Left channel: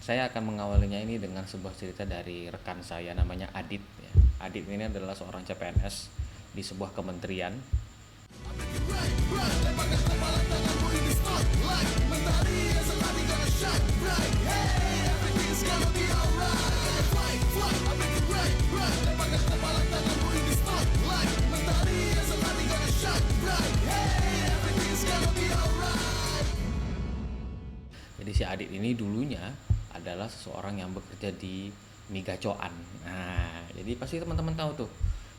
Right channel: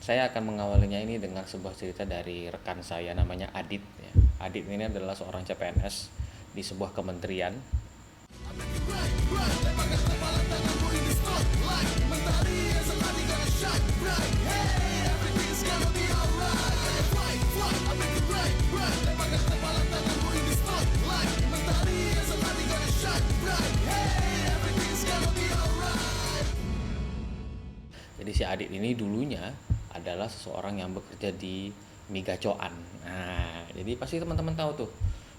Saya akan mengawalinya ini dengan sebuah cerita dari rekan saya namanya Adit ya. Adit ini adalah seorang CPNS di sebuah kementerian. Jadi si Adit ini dulunya adalah seseorang yang bekerja di Migacoan. Nah, jadi pasti teman-teman tahu tuh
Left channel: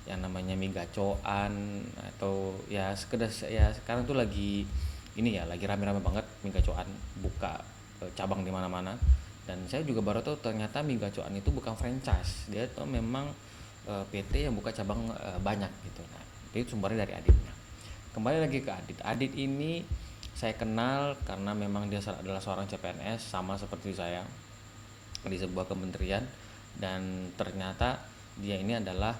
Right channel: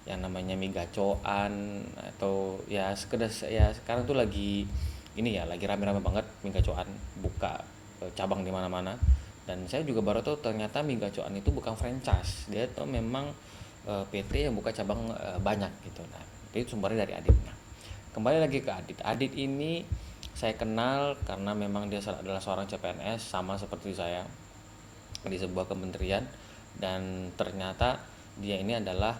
yang namanya Migacoan atau ya sekedar ya sekarang tuh lagi ini ya lagi rame-rame banget Migacoan buka cabang di mana-mana. Dan saya juga baru tahu ternyata Migacoan itu bukan franchise, dia tuh memang PT yang buka cabang banyak gitu. Nah, itu sumbernya dari Adit. Nah, kembali lagi ke Adit. Adit ini saya kenal karena memang dia adalah seorang CPNS sama seperti saya di sebuah kementerian, dan ternyata dia ini adalah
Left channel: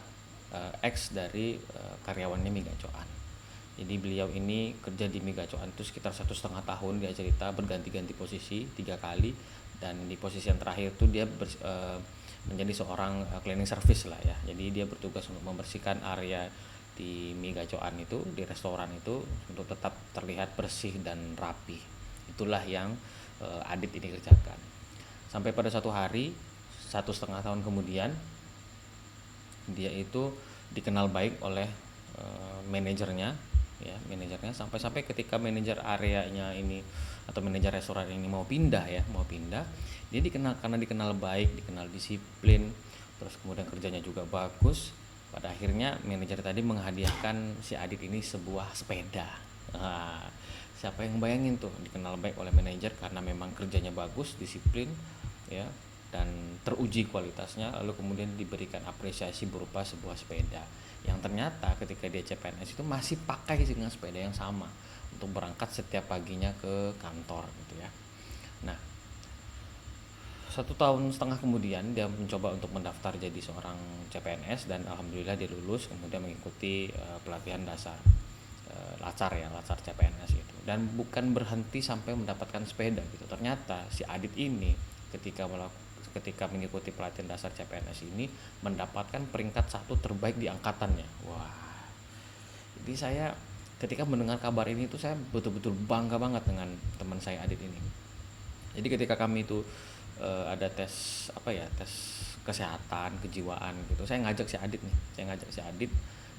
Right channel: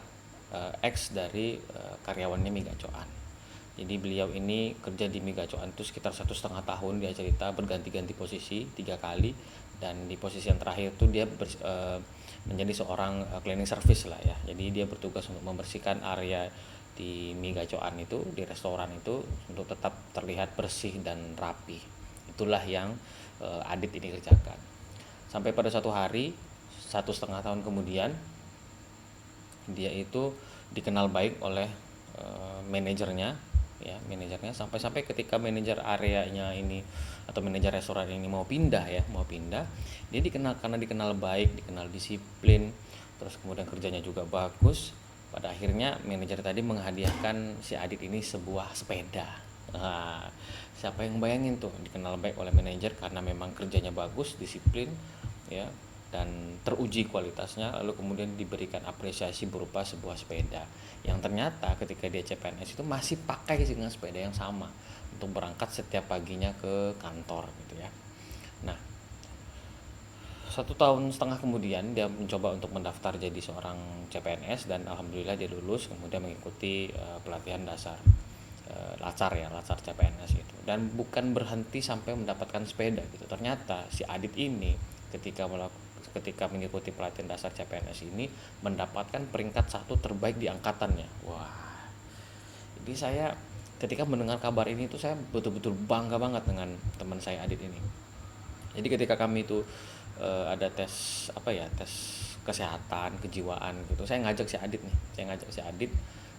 ex dari karyawannya Migacoan. Jadi beliau ini kerja di Migacoan itu sekitar 1,5 tahun, dia cerita berganti-ganti posisi 3 kali, dan di posisi yang terakhir itu dia menjadi seorang cleaning service lah ya. Jadi dia bertugas untuk membersihkan area di Migacoan itu, di restoran itu, untuk tetap terlihat bersih dan rapi. Itulah yang Adit ini kerjakan. Sampai pada suatu hari, 1,5 tahun kemudian, dia itu dikenal baik oleh manajernya ya, sampai ketika manajer areanya ini atau manajer restoran ini mau pindah, dia dikenal karena dikenal baik, dikenal disiplin, terus kemudian kerjanya juga bagus. Pada akhirnya manajer tadi menghadiahkan si Adit ini sebuah sepeda. Nah, siapa yang bayangin tuh dikenal baik oleh manajer karena memang kerjanya bagus, disiplin ya, dan teruji kualitasnya, lalu kemudian diberikan apresiasi berupa sebuah sepeda yang ternyata ketika dia CPNS itu masih pakai dengan sepeda yang sama untuk berangkat setiap paginya ke kantor gitu ya. Nah, 1,5 tahun kemudian dia mencoba untuk mendaftar jadi seorang CPNS, dan alhamdulillah dia lulus, kemudian mengikuti pelatihan dasar lacar CPNS itu, dan bukan berhenti sampai mendapatkan sepeda gitu. Ternyata si Adit ini ketika mengikuti pelatihan dasar CPNS ini mendapatkan peringkat 1 terbaik di angkatannya. Wah, jadi saya ketika mendengar kabar ini tuh saya betul-betul bangga banget dengan teman saya Adit ini. Jadi ketika kami itu ada tes tes kesehatan kejiwaan gitu, saya ngajak si Adit nih,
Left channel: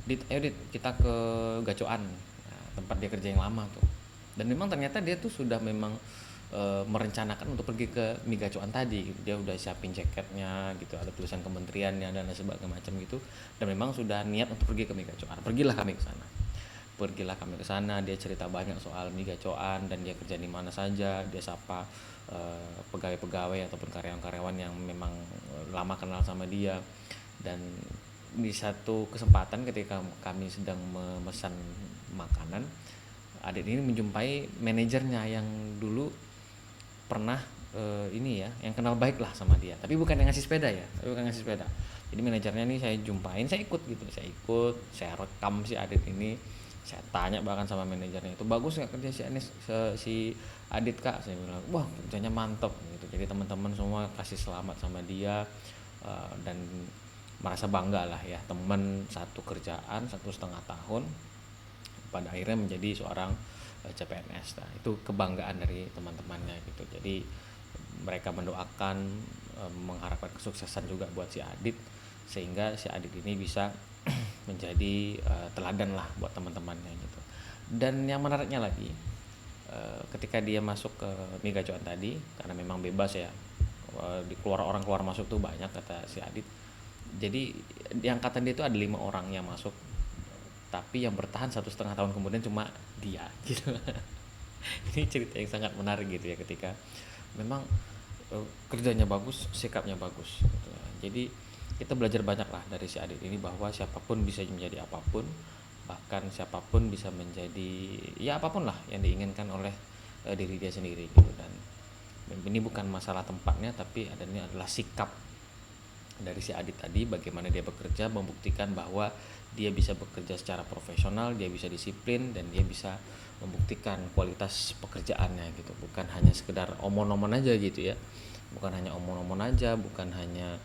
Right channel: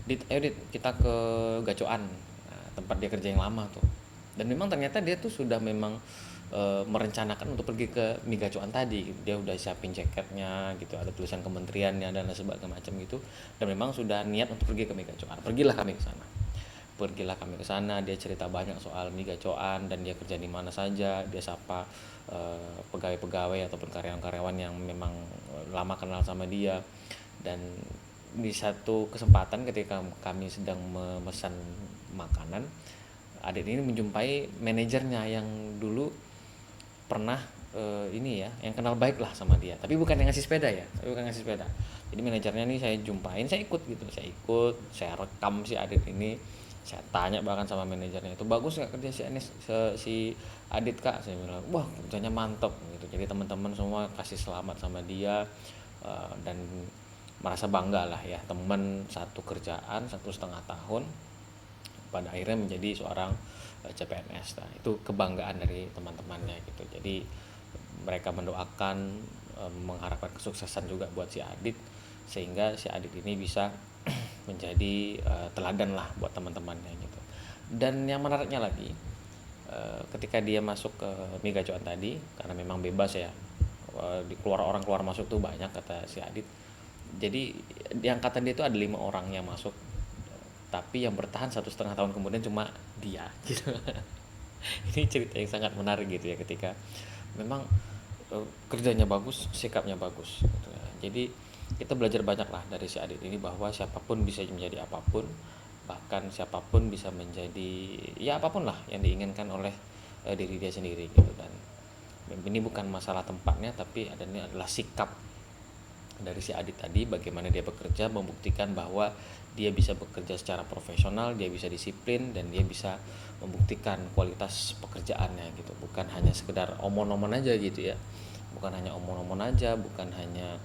Dit, ayo Dit, kita ke Gacoan, nah, tempat dia kerja yang lama tuh. Dan memang ternyata dia tuh sudah memang merencanakan untuk pergi ke Migacoan tadi gitu. Dia udah siapin jaketnya gitu, ada tulisan kementeriannya dan sebagainya macam gitu, dan memang sudah niat untuk pergi ke Migacoan. Pergilah kami ke sana, dia cerita banyak soal Migacoan dan dia kerja di mana saja, dia sapa pegawai-pegawai ataupun karyawan-karyawan yang memang lama kenal sama dia. Dan di satu kesempatan ketika kami sedang memesan makanan, Adit ini menjumpai manajernya yang dulu pernah yang kenal baik lah sama dia, tapi bukan yang ngasih sepeda. Jadi manajernya nih saya jumpain, saya rekam si Adit ini, saya tanya bahkan sama manajernya itu, bagus nggak kerja si Adit kak, saya bilang wah kerjanya mantap gitu. Jadi teman-teman semua kasih selamat sama dia, dan merasa bangga lah ya, teman satu kerjaan 1,5 tahun pada akhirnya menjadi seorang CPNS. Nah, itu kebanggaan dari teman-temannya gitu. Jadi mereka mendoakan, mengharapkan kesuksesan juga buat si Adit, sehingga si Adit ini bisa menjadi teladan lah buat teman-temannya gitu. Dan yang menariknya lagi, ketika dia masuk ke Migacoan tadi, karena memang bebas ya, orang keluar masuk tuh banyak kata si Adit. Jadi di angkatan dia itu ada 5 orang yang masuk, tapi yang bertahan 1,5 tahun kemudian cuma dia gitu. Ini cerita yang sangat menarik gitu ya, ketika memang kerjanya bagus, sikapnya bagus gitu ya. Jadi kita belajar banyak lah dari si Adit ini, bahwa siapapun bisa menjadi apapun, bahkan siapapun bisa menjadi ya apapun lah yang diinginkan oleh diri dia sendiri gitu. Dan ini bukan masalah tempatnya, tapi ini adalah sikap dari si Adit tadi, bagaimana dia bekerja, membuktikan bahwa dia bisa bekerja secara profesional, dia bisa disiplin, dan dia bisa membuktikan kualitas pekerjaannya gitu, bukan hanya sekedar omon-omon aja gitu ya. bukan hanya omong-omong aja, bukan hanya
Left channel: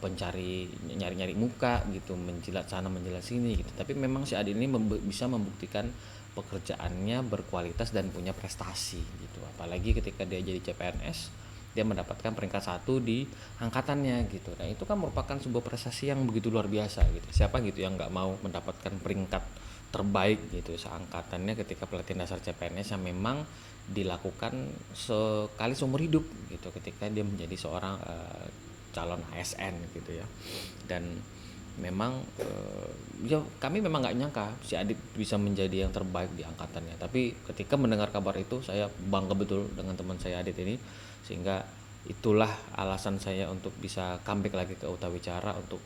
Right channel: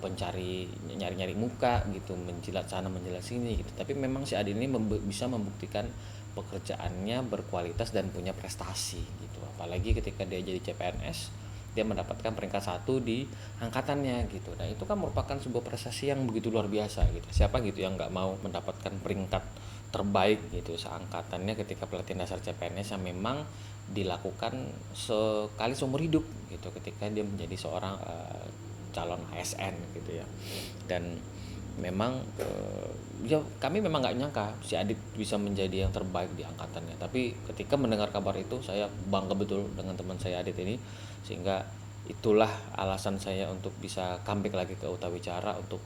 pencari nyari-nyari muka gitu, menjilat sana menjilat sini gitu, tapi memang si Adit ini bisa membuktikan pekerjaannya berkualitas dan punya prestasi gitu, apalagi ketika dia jadi CPNS dia mendapatkan peringkat 1 di angkatannya gitu. Nah itu kan merupakan sebuah prestasi yang begitu luar biasa gitu. Siapa gitu yang nggak mau mendapatkan peringkat terbaik gitu seangkatannya ketika pelatihan dasar CPNS yang memang dilakukan sekali seumur hidup gitu ketika dia menjadi seorang calon ASN gitu ya. Dan memang ya kami memang nggak nyangka si Adit bisa menjadi yang terbaik di angkatannya, tapi ketika mendengar kabar itu saya bangga betul dengan teman saya Adit ini, sehingga itulah alasan saya untuk bisa comeback lagi ke Utawicara untuk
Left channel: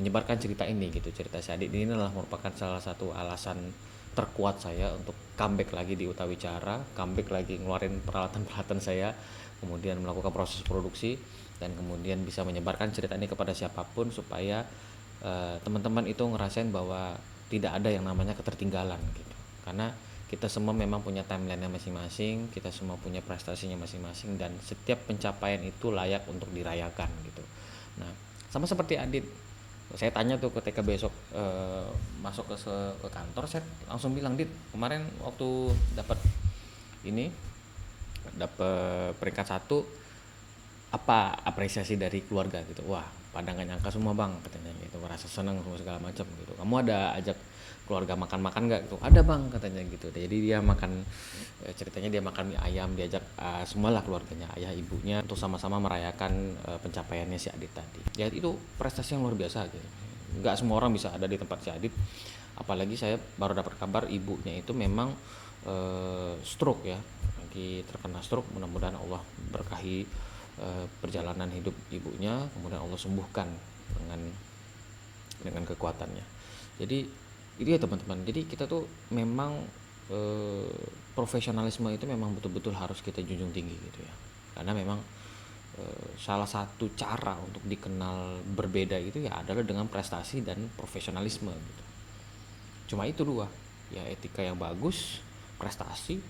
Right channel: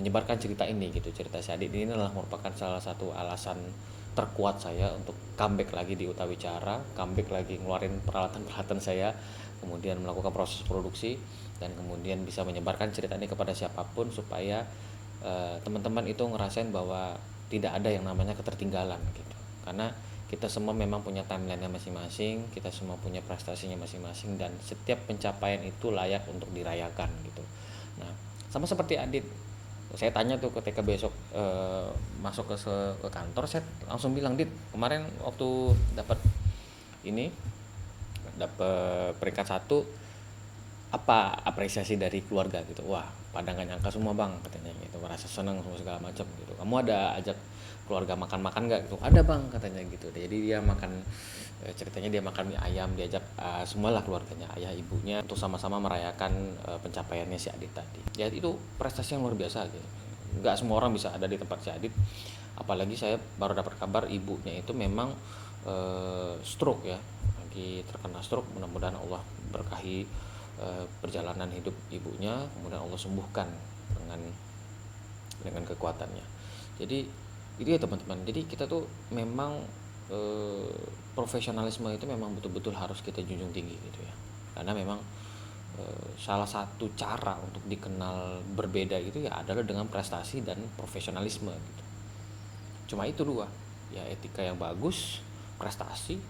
menyebarkan cerita ini gitu. Cerita si Adit ini adalah merupakan salah satu alasan terkuat saya untuk comeback lagi di Utawicara, comeback lagi ngeluarin peralatan-peralatan saya, kemudian melakukan proses produksi dan kemudian bisa menyebarkan cerita ini kepada siapapun supaya teman-teman itu ngerasain bahwa tidak ada yang namanya ketertinggalan gitu. Karena kita semua memang punya timeline-nya masing-masing, kita semua punya prestasinya masing-masing, dan setiap pencapaian itu layak untuk dirayakan gitu. Nah, sama seperti Adit, saya tanya tuh ketika besok masuk ke kantor, saya langsung bilang, Dit, kemarin waktu dapat peringkat 1, apa apresiasi dari keluarga gitu. Wah, pada nggak nyangka semua bang katanya gitu, merasa senang semua segala macam gitu. Kamu ada ajak keluarga makan-makan nggak gitu? Ada bang katanya gitu. Jadi dia makan, ceritanya dia makan mie ayam, diajak semualah keluarganya, ayah ibunya, untuk sama-sama merayakan pencapaiannya si Adit tadi. Ya itu prestasi yang luar biasa gitu. Nggak semua orang bisa ada di tempat si Adit, apalagi saya baru dapat kabar ibunya itu memang stroke ya, lagi terkena stroke. Mudah-mudahan Allah berkahi perjalanan hidup ibunya, kemudian Allah sembuhkan dengan kekuatannya. Jadi itu ya teman-teman, jadi kita tuh memang profesionalisme itu memang betul-betul harus kita junjung tinggi gitu ya, karena memang salah satu cara untuk dikenal berbeda itu ya adalah dengan prestasi dan profesionalisme gitu. Cuma itu dua ya, etika yang bagus, prestasi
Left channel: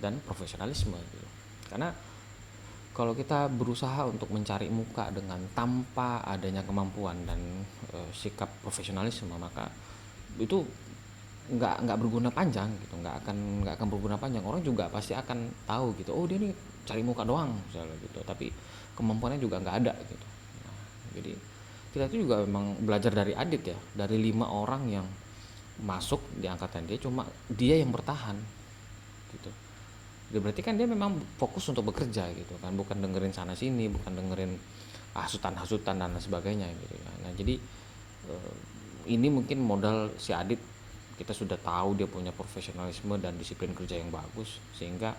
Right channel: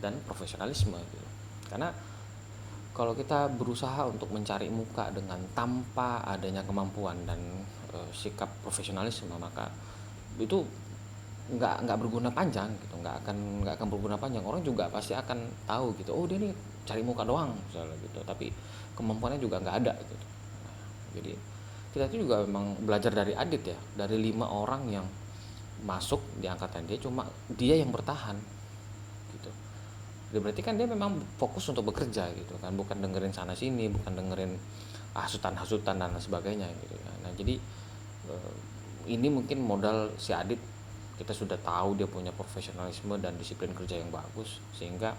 dan profesionalisme gitu. Karena kalau kita berusaha untuk mencari muka dengan tanpa adanya kemampuan dan sikap profesionalisme, maka itu nggak berguna panjang gitu, nggak akan berguna panjang. Orang juga pasti akan tahu gitu, oh dia nih cari muka doang misalnya gitu, tapi kemampuannya juga nggak ada gitu. Nah, jadi kita itu juga memang belajar dari Adit ya, dari 5 orang yang masuk di angkatan dia, cuma dia yang bertahan gitu. Berarti kan dia memang fokus untuk bekerja gitu kan, bukan dengerin sana sini, bukan dengerin hasutan-hasutan dan sebagainya gitu ya. Nah jadi ini mungkin modal si Adit, kita sudah tahu dia punya profesionalisme dan disiplin kerja yang bagus sehingga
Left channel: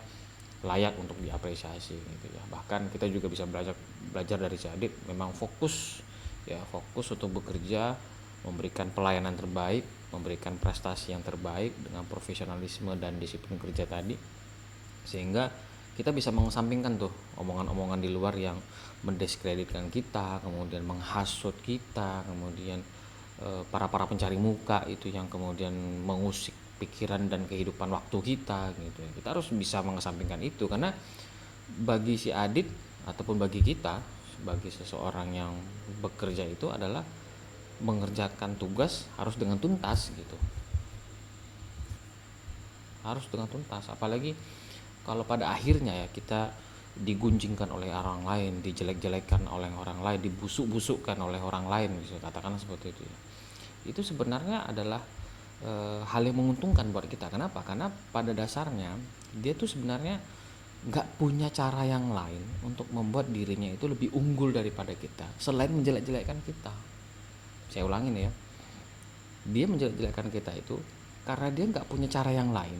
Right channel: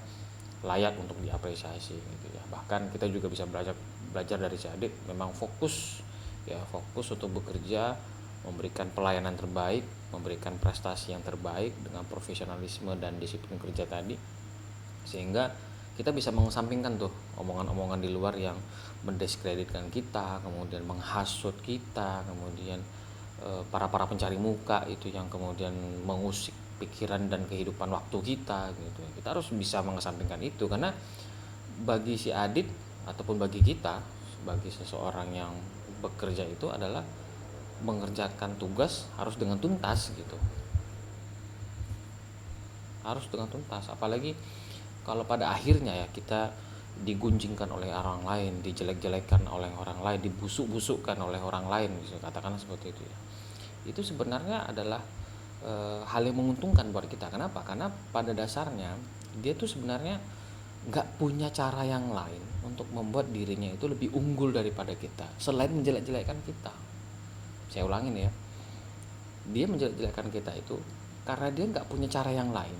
layak untuk diapresiasi gitu ya. Bahkan kita juga bisa belajar dari si Adit, memang fokus ya, fokus untuk bekerja, memberikan pelayanan terbaik, memberikan prestasi yang terbaik dengan profesionalisme dan disiplin kerja tadi, sehingga kita bisa mengesampingkan tuh omongan-omongan di luar yang mendiskreditkan kita, kemudian menghasut kita, kemudian para pencari muka itu yang kemudian mengusik pikiran dan kehidupan waktu kita gitu ya. Kita harus bisa mengesampingkan itu, karena bagi si Adit ataupun bagi kita sebagai seseorang yang bekerja itu adalah mengerjakan tugas harus dengan tuntas gitu, harus dengan tuntas. Apalagi kalau pada akhirnya ya kita digunjingkan oleh orang lain, dijelek-jelekan oleh orang lain, dibusuk-busukkan oleh orang lain, bisa katakanlah seperti itu ya. Itu sebenarnya adalah hal yang menguntungkan buat kita. Kenapa? Karena pada dasarnya dia tuh sebenarnya nggak punya cara yang lain untuk membuat dirinya itu lebih unggul daripada kita selain menjelek-jelekkan kita. Saya ulangin ya, dia menjelek-jelekkan kita itu karena dia nggak punya cara yang lain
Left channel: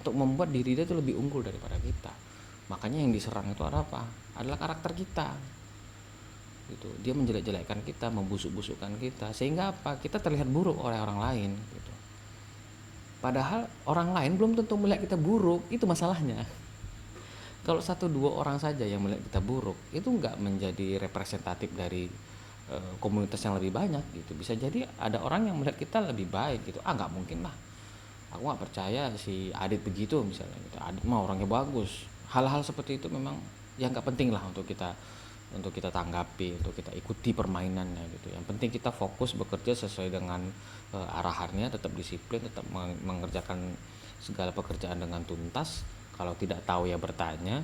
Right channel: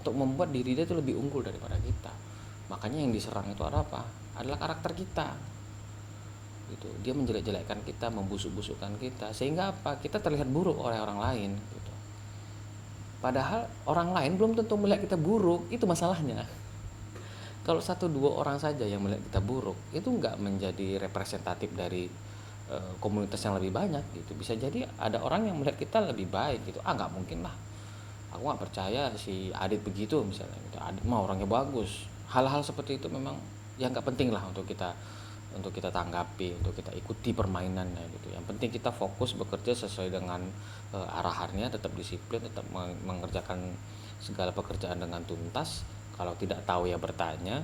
untuk membuat diri dia itu lebih unggul daripada kita. Makanya yang diserang itu apa? Adalah karakter kita gitu. Dia menjelek-jelekkan kita, membusuk-busukkan kita, sehingga apa? Kita terlihat buruk oleh orang lain gitu. Padahal orang lain belum tentu melihat kita buruk, itu masalahnya. Kalau 1-2 orang saja yang melihat kita buruk, itu nggak menjadi representatif dari komunitas yang lebih banyak gitu. Bisa jadi ada orang yang melihat kita lebih baik gitu. Nggak mungkin lah, aku nggak percaya si Adit begitu misalnya gitu. Adit mah orangnya bagus. Hal-hal seperti itu memang ya nggak penting lah untuk kita tanggapi, untuk kita ikuti permainannya gitu. Yang penting kita fokus bekerja sesuai dengan arahannya, tetap disiplin, tetap mengerjakan segala pekerjaan dengan tuntas. Kalau tidak tahu ya bertanya,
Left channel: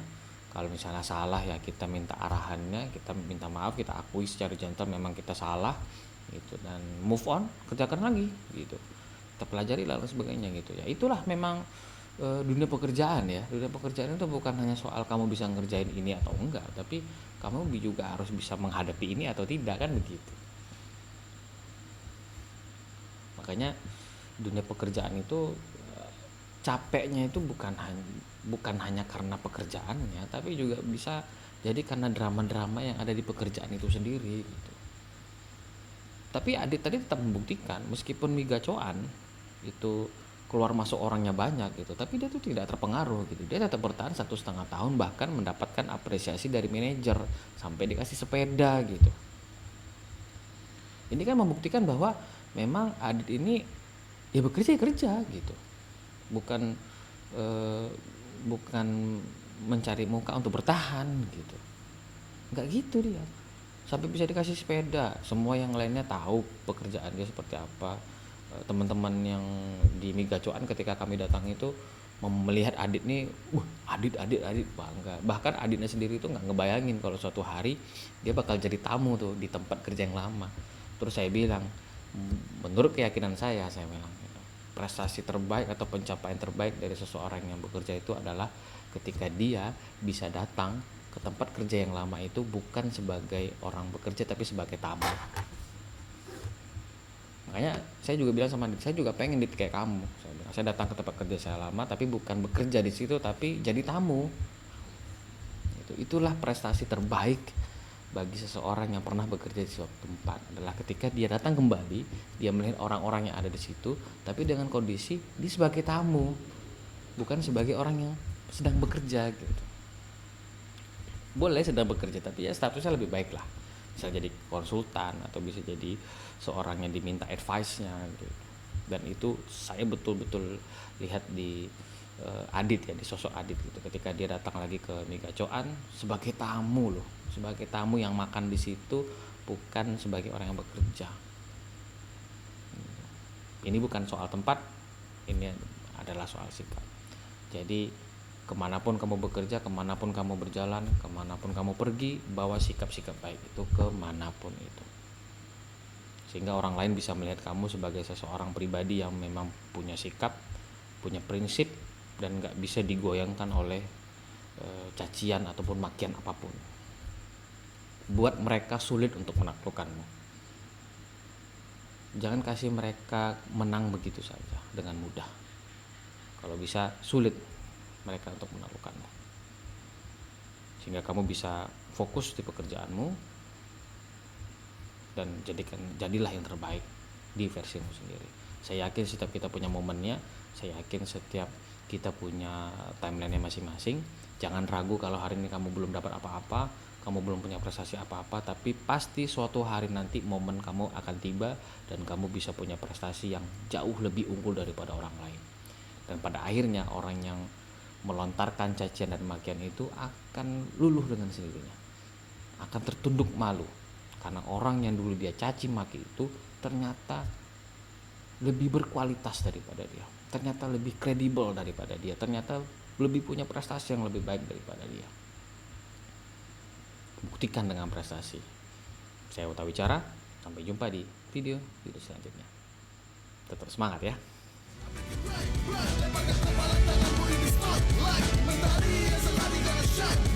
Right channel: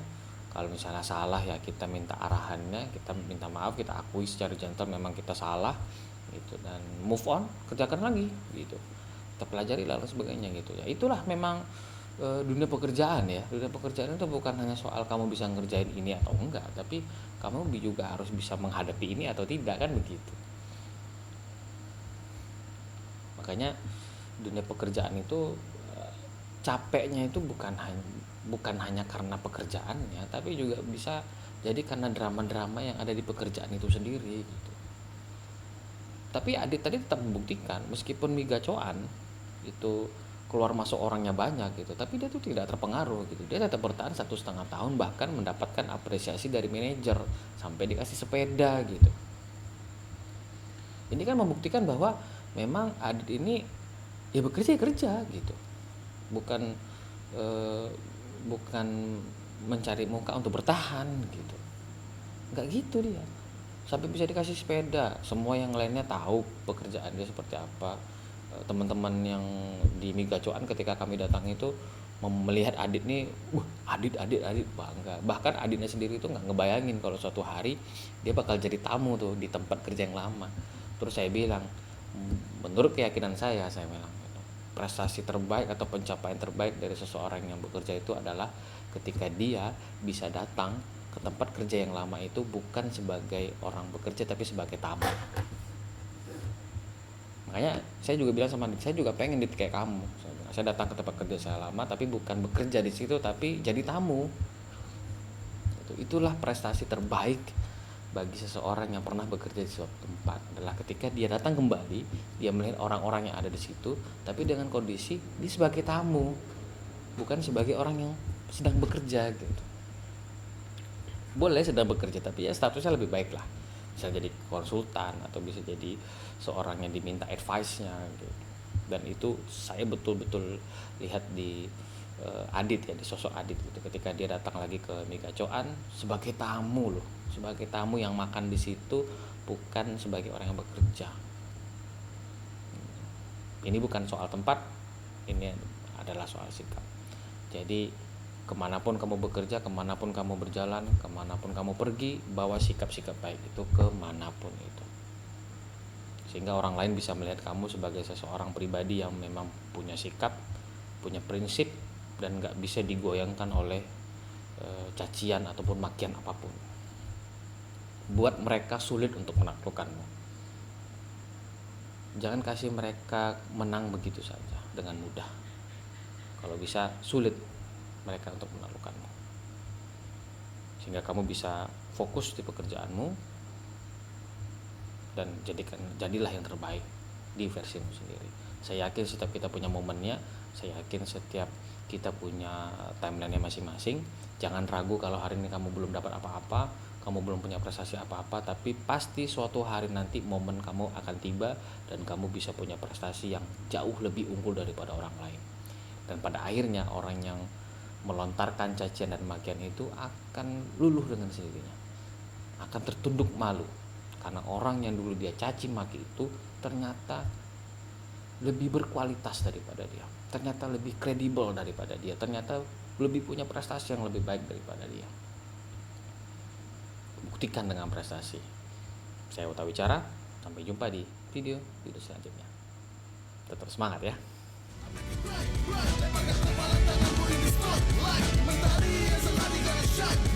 kalau misalnya salah ya kita minta arahannya, kita minta maaf, kita akui secara gentle memang kita salah gitu, dan move on, kerjakan lagi gitu, kita pelajari lalu sebagainya gitu ya. Itulah memang dunia pekerjaan ya. Dunia pekerjaan itu bukan hanya soal kamu bisa ngerjain ini atau enggak, tapi kamu juga harus bisa menghadapi ini atau tidak, kan begitu. Makanya dunia pekerjaan itu capeknya itu bukan hanya karena pekerjaannya, tapi juga bisa jadi karena drama-drama yang ada di pekerjaan itu sendiri gitu. Tapi Adit tadi tetap membuktikan meskipun migacoan itu keluar masuk orangnya banyak gitu, tapi dia tuh tidak terpengaruh gitu. Dia tetap bertahan 1,5 tahun, bahkan mendapatkan apresiasi dari manajer sampai dikasih sepeda gitu. Ini kan membuktikan bahwa memang Adit ini ya bekerja ya kerja gitu, bukan bukan mencari muka untuk bertahan gitu, nggak gitu dia. Sampai bisa dikasih sepeda, semua yang lainnya tahu pekerjaan dia seperti apa. Teman-teman yang di Migacoan ketika kami datang itu melihat Adit nih, Adit bangga. Bahkan Aditnya sendiri itu nggak ngebayangin kalau suatu hari dia bakal jadi tamu tuh di tempat kerja yang lama. Terus saya bilang, menurut keyakinan saya bilang gitu, prestasi terbaik atau pencapaian terbaik dari seseorang yang bekerja itu adalah ketika dia bisa datang ke tempat kerja yang lama itu bukan sebagai orang bekerja tapi sebagai tamu. Makanya saya juga bilang sama Dit, saya juga pengen Dit kayak kamu. Saya datang ke tempat kerja saya lama tapi bukan bekerja di situ tapi jadi tamu. Itulah prestasi terbaik bagi seseorang yang pernah bekerja di suatu tempat, adalah ketika dia datang kembali, dia melihat orang-orang yang ada di situ tapi dengan kondisi dia sebagai tamu, bukan sebagai orang yang sedang bekerja gitu. Boleh sedang bekerja tapi ya statusnya lebih baik lah, bisa jadi konsultan atau bisa jadi seorang yang diminta advice-nya gitu. Dan itu saya betul-betul lihat di Adit ya, di sosok Adit gitu, ketika dia datang lagi ke Migacoan sebagai tamu loh, sebagai tamu yang makan di situ, bukan sebagai orang yang bekerja. Ini bukan soal tempat, ini adalah soal sikap. Jadi kemanapun kamu bekerja, kemanapun kamu berjalan, kemanapun kamu pergi, bawa sikap-sikap baik itu kemanapun itu, sehingga orang lain bisa melihat kamu sebagai seseorang pribadi yang memang punya sikap, punya prinsip, dan gak bisa digoyangkan oleh cacian ataupun makian apapun. Buat mereka sulit untuk menaklukkanmu. Jangan kasih mereka menang begitu saja dengan mudah. Kalau bisa sulit mereka untuk menaklukkanmu, sehingga kamu bisa fokus di pekerjaanmu dan jadilah yang terbaik di versimu sendiri. Saya yakin setiap kita punya momennya, saya yakin setiap kita punya timeline-nya masing-masing. Jangan ragu kalau hari ini kamu belum dapat apa-apa, kamu belum punya prestasi apa-apa, tapi pasti suatu hari nanti momen kamu akan tiba dan kamu bisa punya prestasi yang jauh lebih unggul daripada orang lain. Dan pada akhirnya orang yang melontarkan cacian dan makian itu akan luluh dengan sendirinya, akan tertunduk malu, karena orang yang dulu dia caci maki itu ternyata lebih berkualitas daripada dia, ternyata lebih kredibel daripada dia, ternyata lebih punya prestasi yang lebih baik daripada dia. Buktikan dengan prestasi. Saya Uta Wicara, sampai jumpa di video selanjutnya. Tetap semangat ya. Lepaskan kepala tanganmu ini spotlight, mentari yang selalu gonna shine.